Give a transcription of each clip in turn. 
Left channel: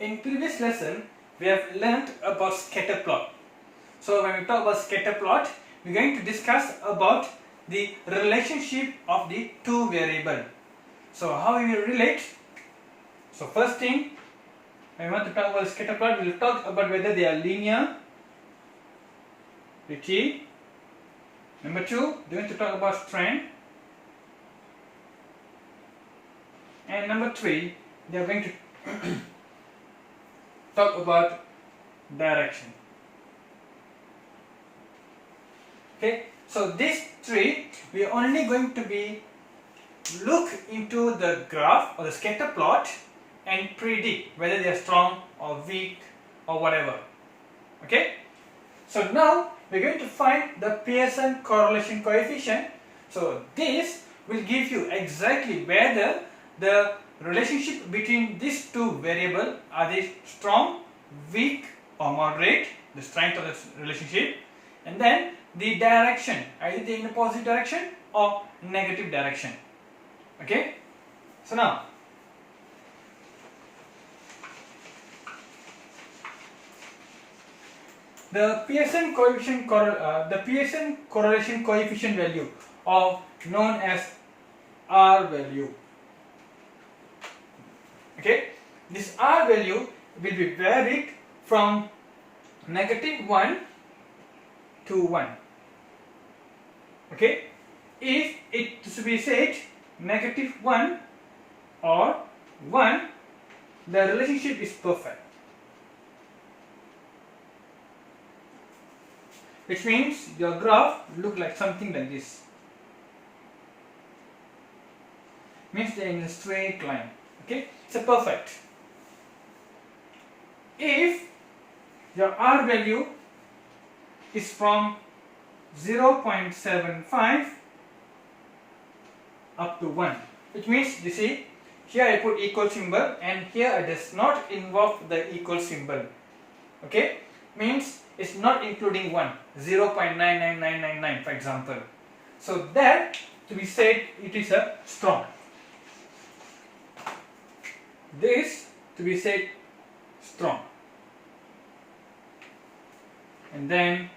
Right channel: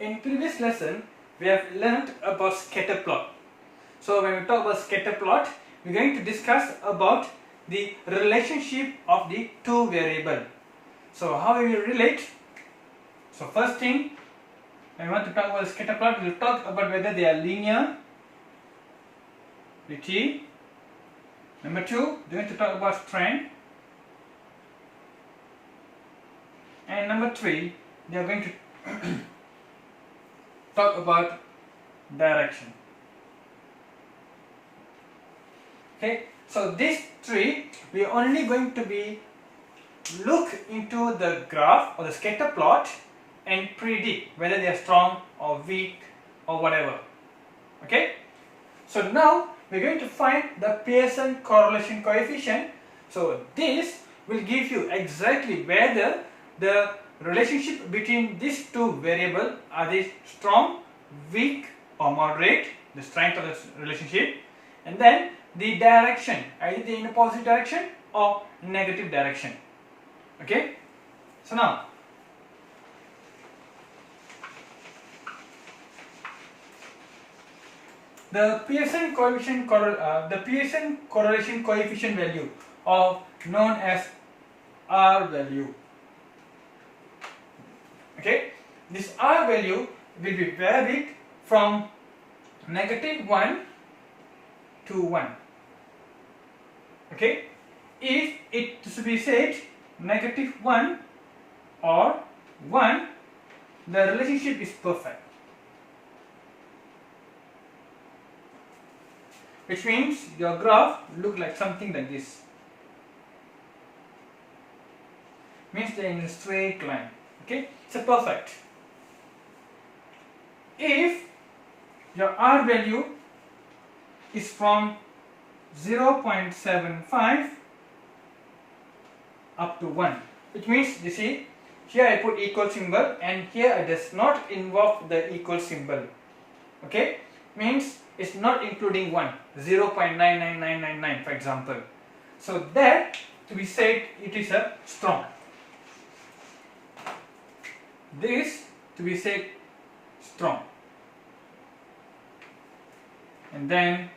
In previous lesson, we have learnt about scatter plot. So when we talk about scatter plot, we are going to discuss about the relationship of the two variable. So how we will relate? So first thing, when we want to talk about scatter plot, we will talk about whether they are linear. T. Number two, we are going to talk about strand. And number three, we are going to talk about direction. Okay, so these three, we are only going to be look into the graph or the scatter plot and predict whether they are strong or weak or whatever. Okay, so now we are going to find the Pearson correlation coefficient. So this will give you exactly whether the relationship between these two variables, are they strong, weak or moderate, the strength of the relationship, and then the direction, either in a positive direction or negative direction. Okay, so now the Pearson correlation coefficient value, or known as R value. Okay, this R value will be varied from -1 to 1. Okay, if it to be said -1 or 1, the relationship is perfect, which means your graph look like something like this. Means they are in a straight line. Okay, it's a perfect. If your R value is from 0.75 up to 1, which means, you see, here I put equal symbol and here I does not involve the equal symbol. Okay, means it's not including 1, 0.99999 for example. So that to be said it is a strong. This to be said strong. And then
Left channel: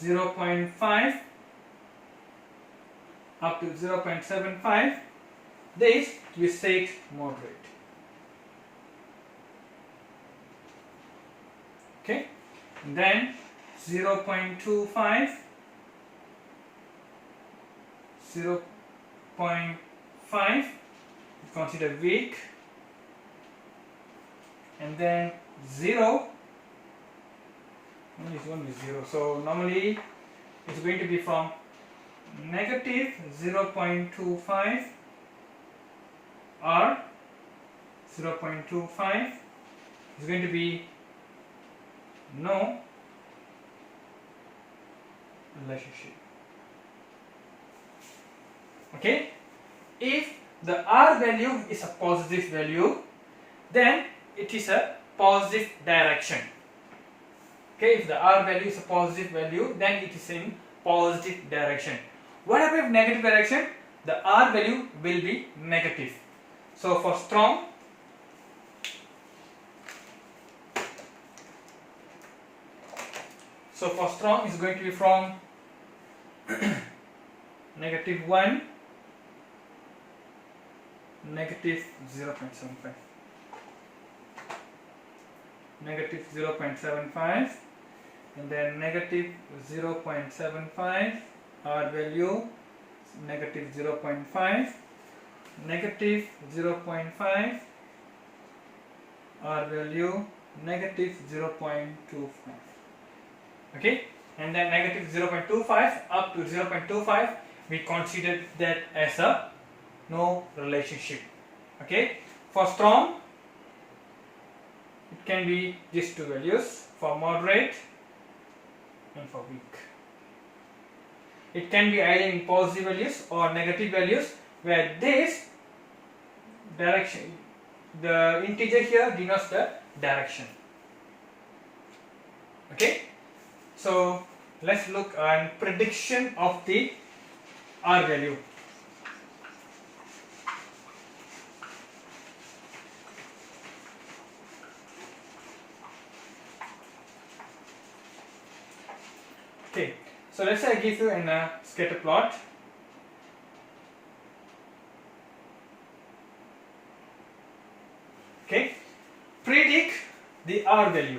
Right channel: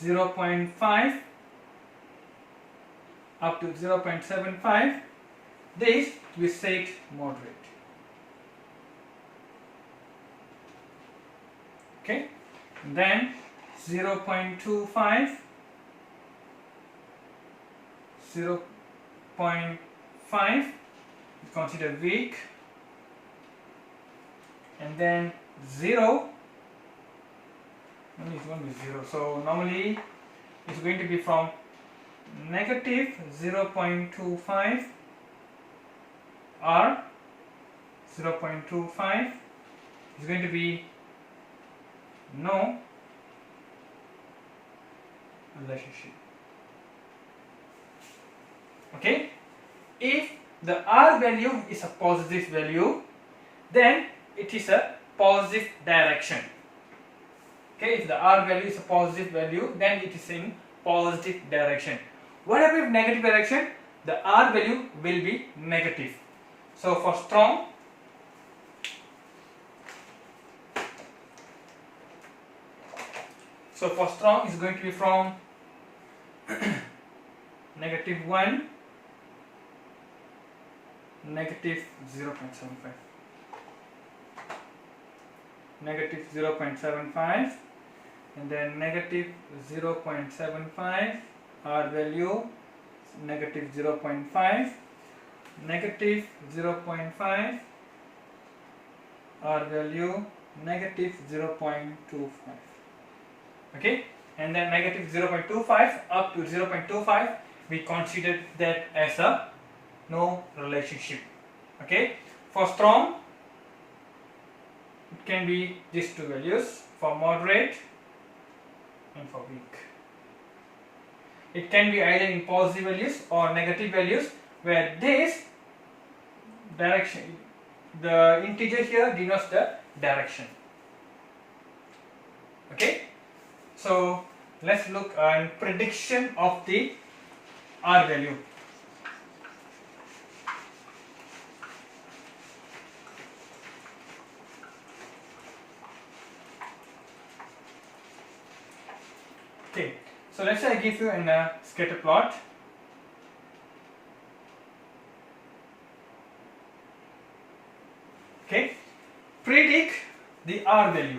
0.5 up to 0.75, this to be said moderate. Okay, and then 0.25, 0.5 consider weak, and then 0, this one is 0, so normally it's going to be from -0.25 R, 0.25 is going to be no relationship. Okay, if the R value is a positive value, then it is a positive direction. Okay, if the R value is a positive value, then it is in positive direction. What happens if negative direction? The R value will be negative. So for strong, is going to be from -1, -0.75. -0.75, and then -0.75 R value, -0.5, -0.5 R value, -0.25. Okay, and then -0.25 up to 0.25, we consider that as a no relationship. Okay, for strong it can be these two values, for moderate and for weak. It can be either in positive values or negative values, where this direction, the integer here denotes the direction. Okay, so let's look on prediction of the R value. So let's say I give you a scatter plot. Okay, predict the R value.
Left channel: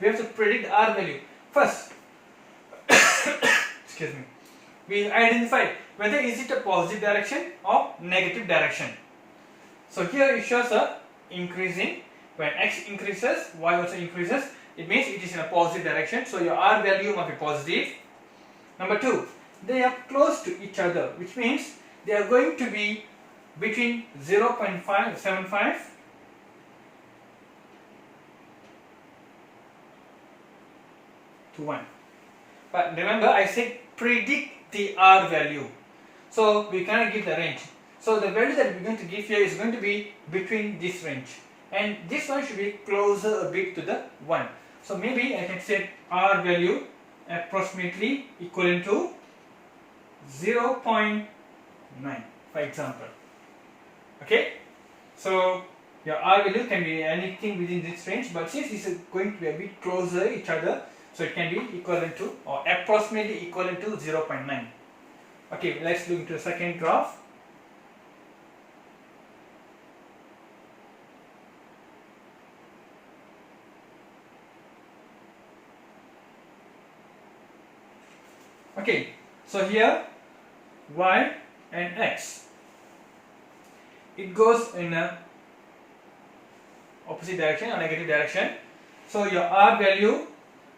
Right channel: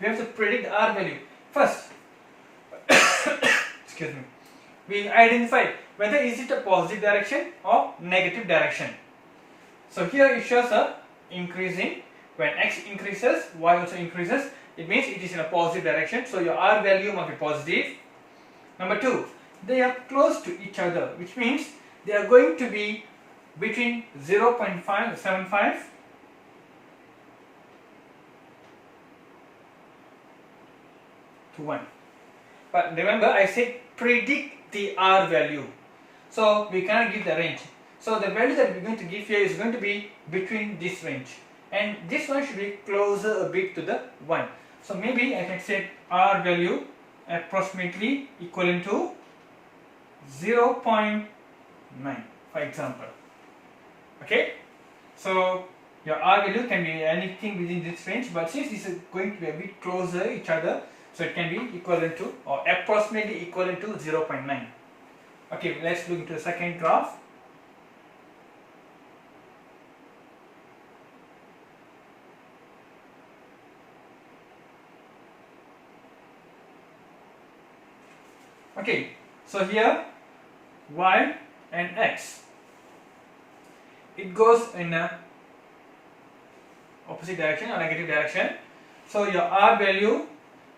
We have to predict the R value. First, excuse me, we identify whether is it a positive direction or negative direction. So here it shows a increasing. When x increases, y also increases. It means it is in a positive direction. So your R value must be positive. Number 2, they are close to each other, which means they are going to be between 0.575 to 1. But remember, I said predict the R value. So we cannot give the range. So the value that we're going to give here is going to be between this range. And this one should be closer a bit to the 1. So maybe I can set R value approximately equivalent to 0.9, for example. Okay, so your R value can be anything within this range, but since this is going to be a bit closer each other, so it can be equivalent to or approximately equivalent to 0.9. Okay, let's look into the second graph. Okay, so here y and x, it goes in a opposite direction or negative direction. So your R value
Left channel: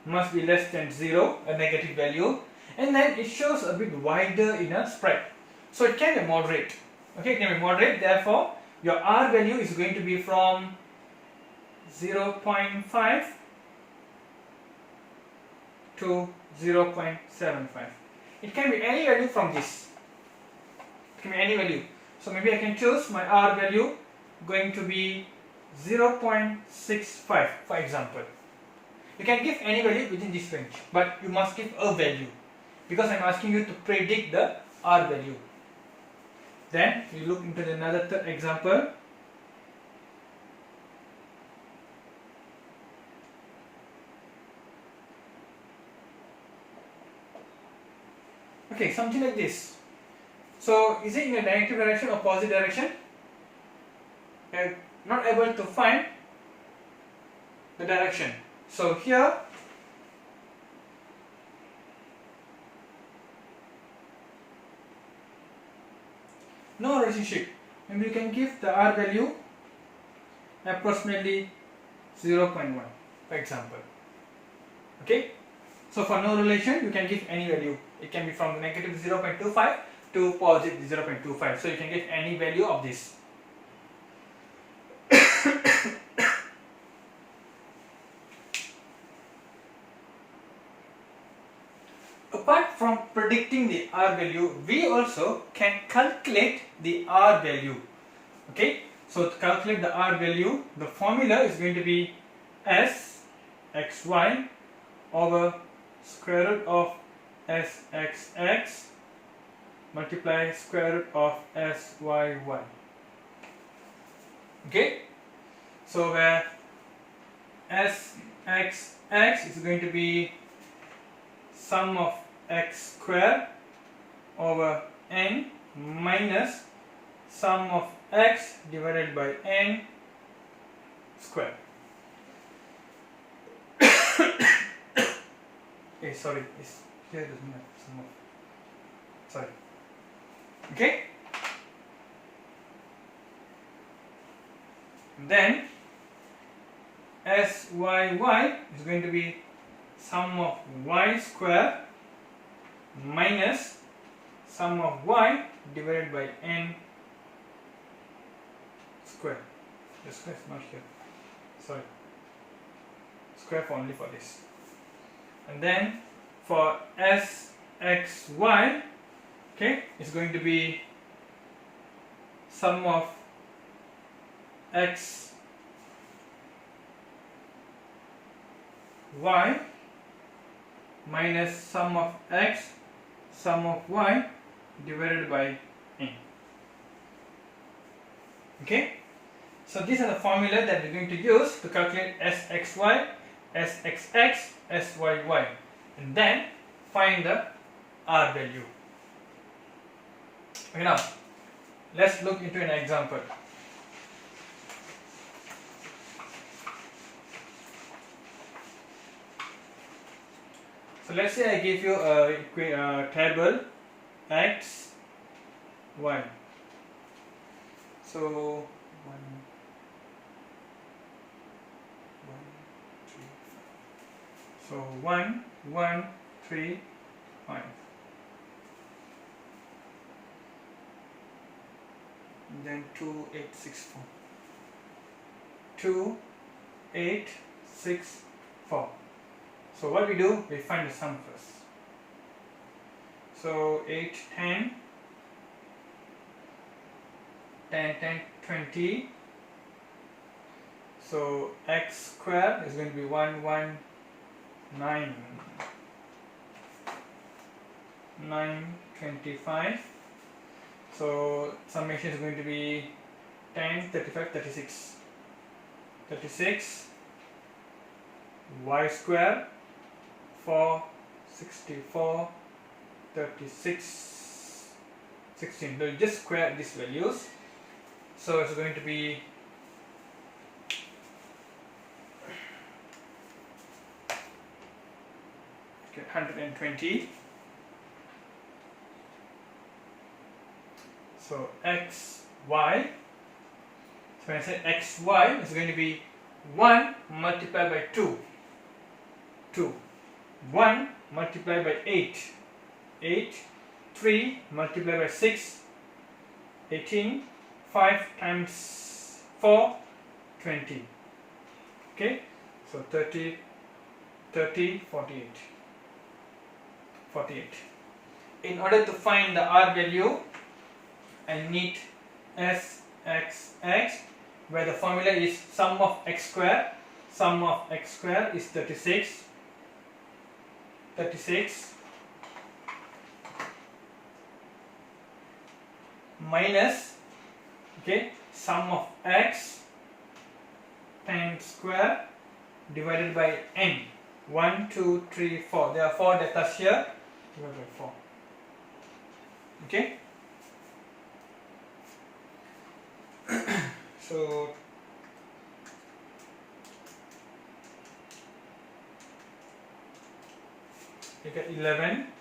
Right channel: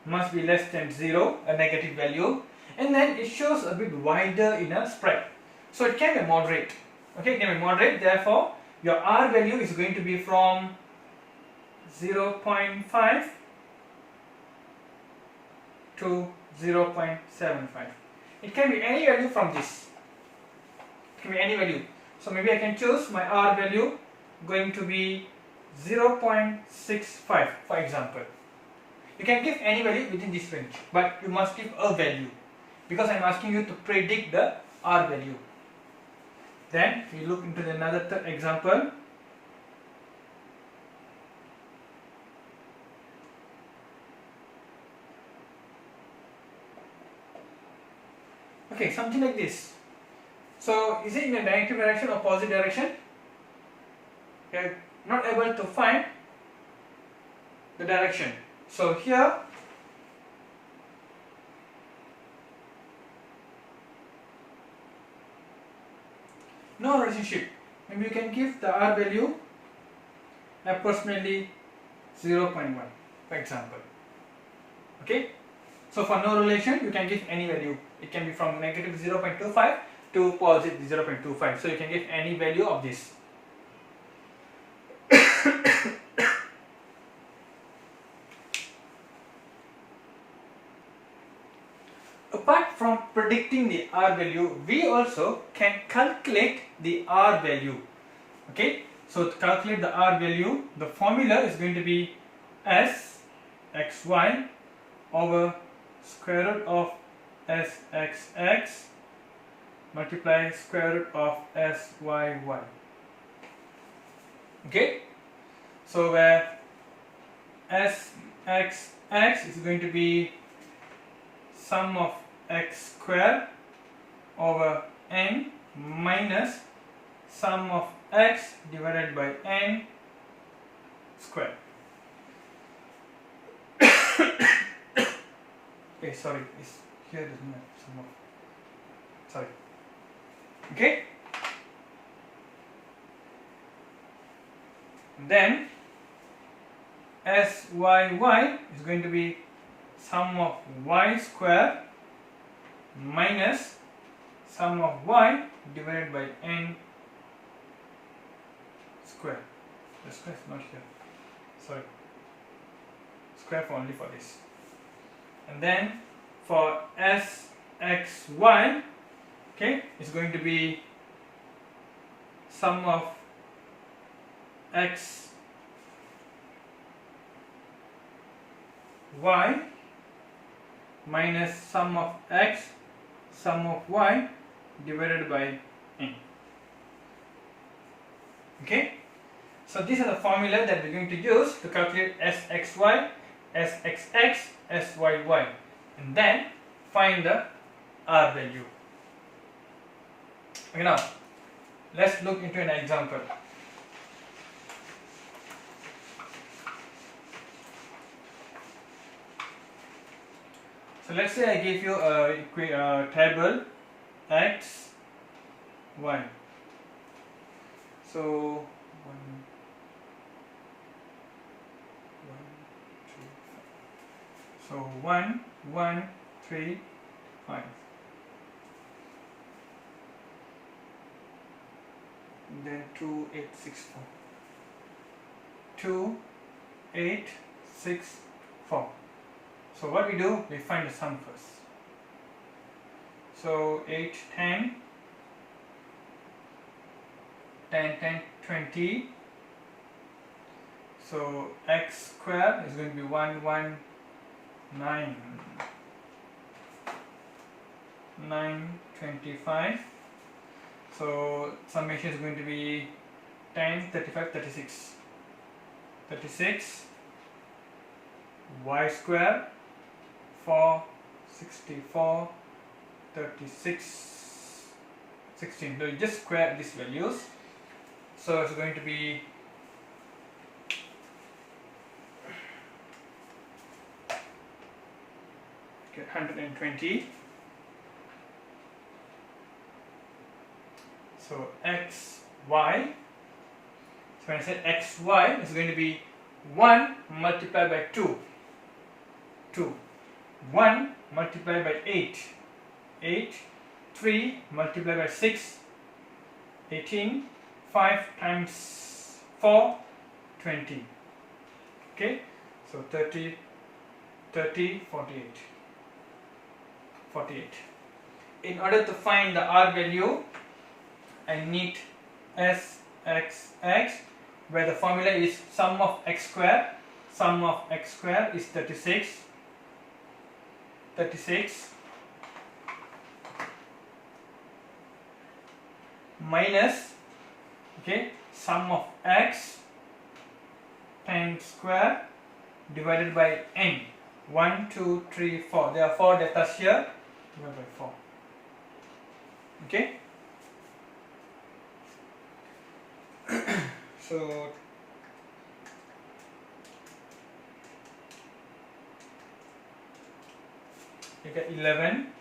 must be less than 0, a negative value, and then it shows a bit wider in a spread. So it can be moderate. Okay, it can be moderate. Therefore, your R value is going to be from 0.5 to 0.75. It can be any value from this. It can be any value. So maybe I can choose my R value going to be 0.65, for example. You can give any value within this range, but you must give a value because I am asking you to predict the R value. Then we look into another third example. Okay, something like this. So is it in a negative direction or positive direction? We are not able to find the direction. So here no relationship. Maybe you can give the R value approximately 0.1, for example. Okay. So for no relation, you can give any value. It can be from negative 0.25 to positive 0.25. So you can give any value of this. Apart from predicting the R value, we also can calculate the R value. Okay. So to calculate the R value, the formula is going to be Sxy over square root of Sxx multiply square root of Syy. Okay, so where Sxx is going to be sum of x square over n minus sum of x divided by n square. Okay, sorry, it's here doesn't have sum of, sorry. Okay, then Syy is going to be sum of y square minus sum of y divided by n square. The square is not here, sorry, square for only for this. And then for Sxy, okay, it's going to be sum of x y minus sum of x sum of y divided by n. Okay, so these are the formula that we're going to use to calculate Sxy sxx, syy, and then find the r value. Okay, now let's look into an example. So let's say I give you a table x, y. So 1, 3, 5. So 1, 1, 3, 5. And then 2, 8, 6, 4. 2, 8, 6, 4. So what we do, we find the sum first. So 8, 10, 10, 10, 20. So x squared is going to be 1, 1, 9, 9, 25. So summation is going to be 10, 35, 36. 36 y squared 4, 64, 36, 16. So you just square these values. So it's going to be 120. So x, y. So when I say x, y, it's going to be 1 multiplied by 2. 2. 1 multiplied by 8. 8. 3 multiplied by 6. 18. 5 times 4. 20. Okay. So 30, 30, 48. 48. In order to find the r value, I need sxx, where the formula is sum of x squared. Sum of x squared is 36. 36 minus, okay, sum of x 10 square divided by n. 1, 2, 3, 4. There are 4 data here. Divided by 4. Okay. So you get 11.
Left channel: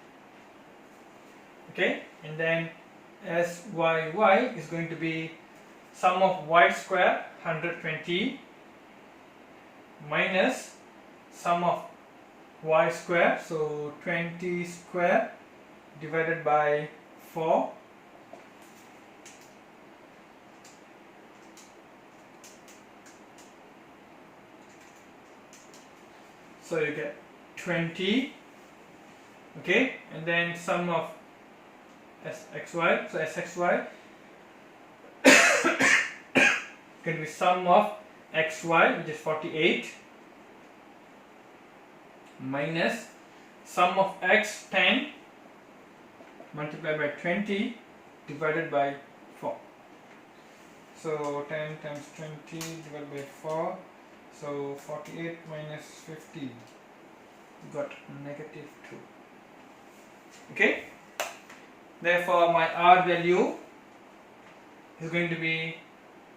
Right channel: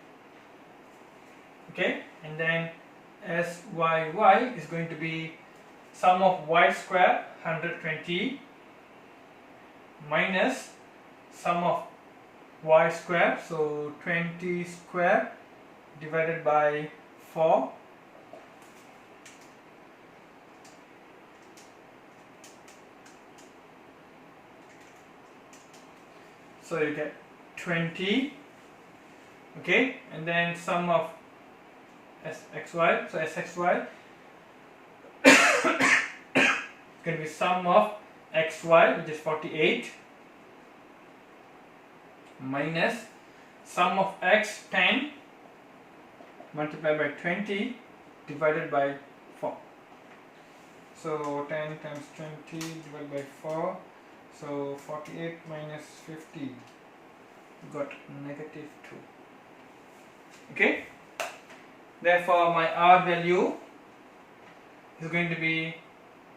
Okay, and then syy is going to be sum of y square 120 minus sum of y square, so 20 square divided by 4. So you get 20. Okay, and then sum of sxy, so sxy can be sum of xy, which is 48, minus sum of x 10 multiplied by 20 divided by 4. So 10 times 20 divided by 4, so 48 minus 50, got negative 2. Okay, therefore my r value is going to be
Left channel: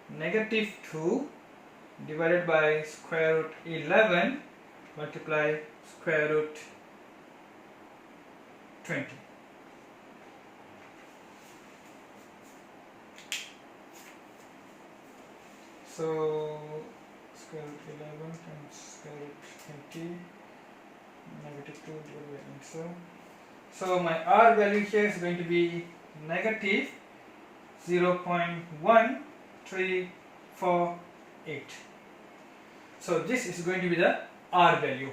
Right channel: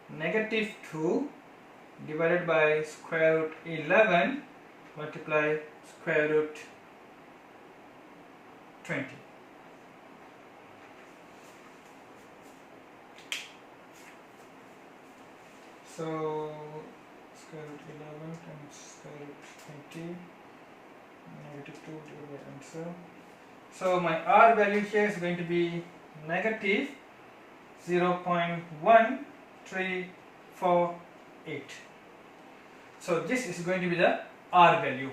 negative 2 divided by square root 11 multiply square root 20. So square root 11 times square root 20, negative 2 divided by answer. So my r value here is going to be negative 0.1348. So this is going to be the r value.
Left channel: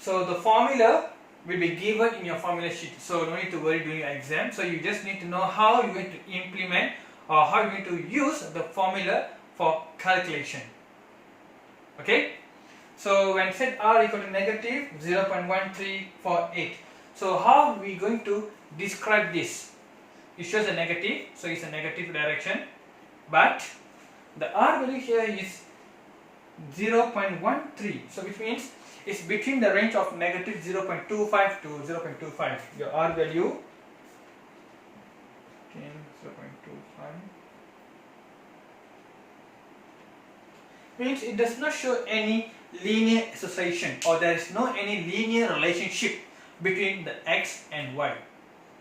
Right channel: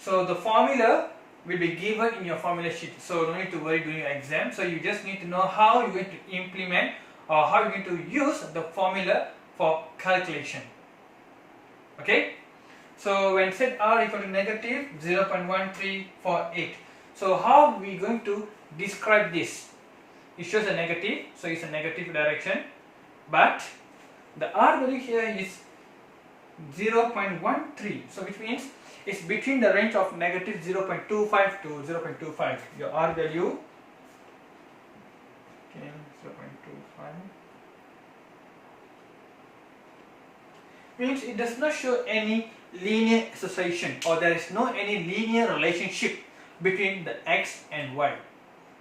So the formula will be given in your formula sheet. So no need to worry during your exam. So you just need to know how you're going to implement or how you're going to use the formula for calculation. Okay. So when set r equal to negative 0.1348, so how are we going to describe this? It shows a negative, so it's a negative direction, but the r value here is 0.13. So which means it's between the range of negative 0.25 to 0.25. Your R value, okay, 0.25, means it does not show any linear association, or there is no any linear relationship between the x and y.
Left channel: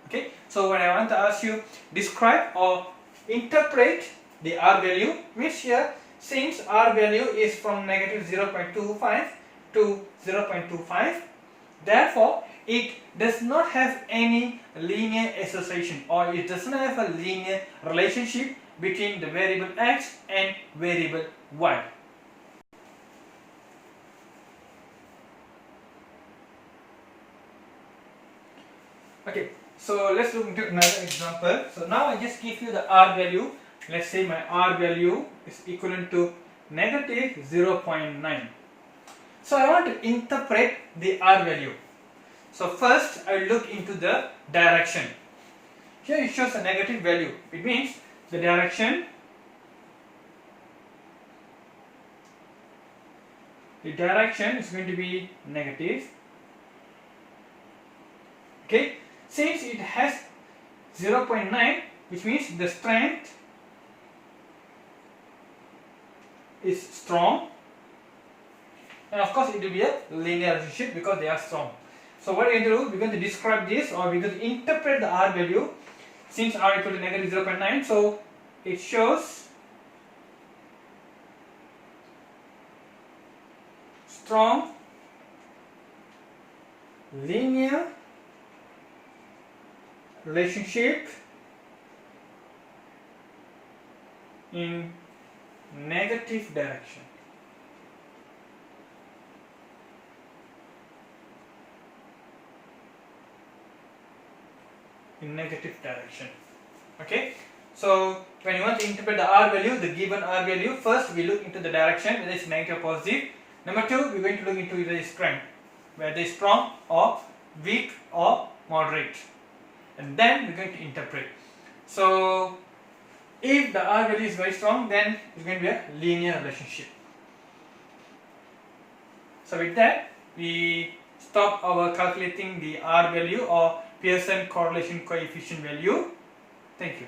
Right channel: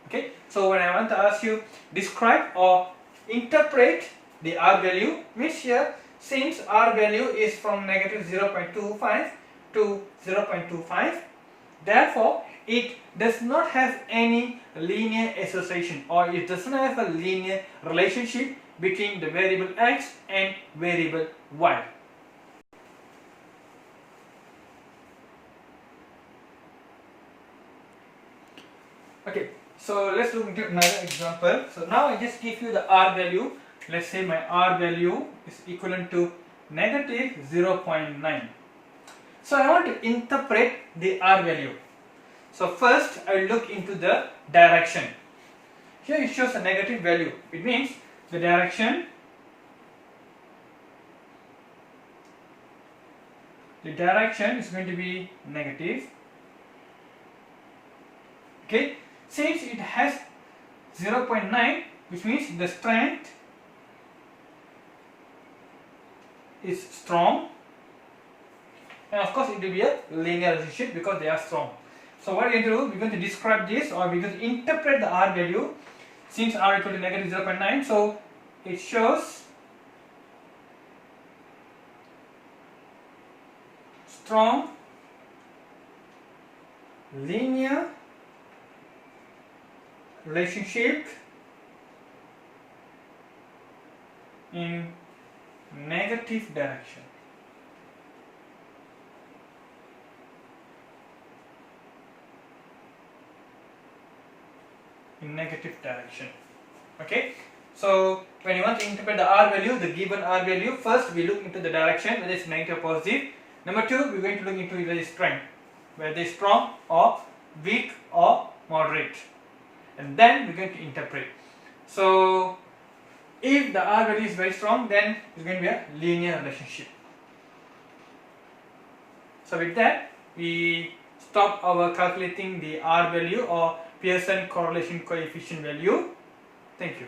Okay, so when I want to ask you describe or interpret the R value, which here since R value is from negative 0.25 to 0.25, therefore it does not have any linear association, or it does not have a linear relationship between the variable x and variable y. Okay, so let's look into another example. So now I just give you the R value. Let's say my R value is equivalent to negative 0.9. So I want to interpret the R value. So first I look into the direction. Here it shows a negative value. It means the direction is going to be negative. Okay, since it has 0.9, which means the strength is strong, and of course it will be a linear relationship because they are strong. So what we're going to do, we're going to describe this, or we're going to interpret the R value. Since R equal to negative 0.9, so it shows strong linear relationship in negative direction. In negative direction. Okay, so when you want to interpret the R value, the given R value, first we look into the direction, whether it's negative or positive. Number two, we're going to look into whether it's strength, whether it's strong or weak or moderate, and then we're going to interpret. So if the R value is very strong, then it's going to be a linear relationship. So with that, we stop our calculating the R value or Pearson correlation coefficient value. Thank you.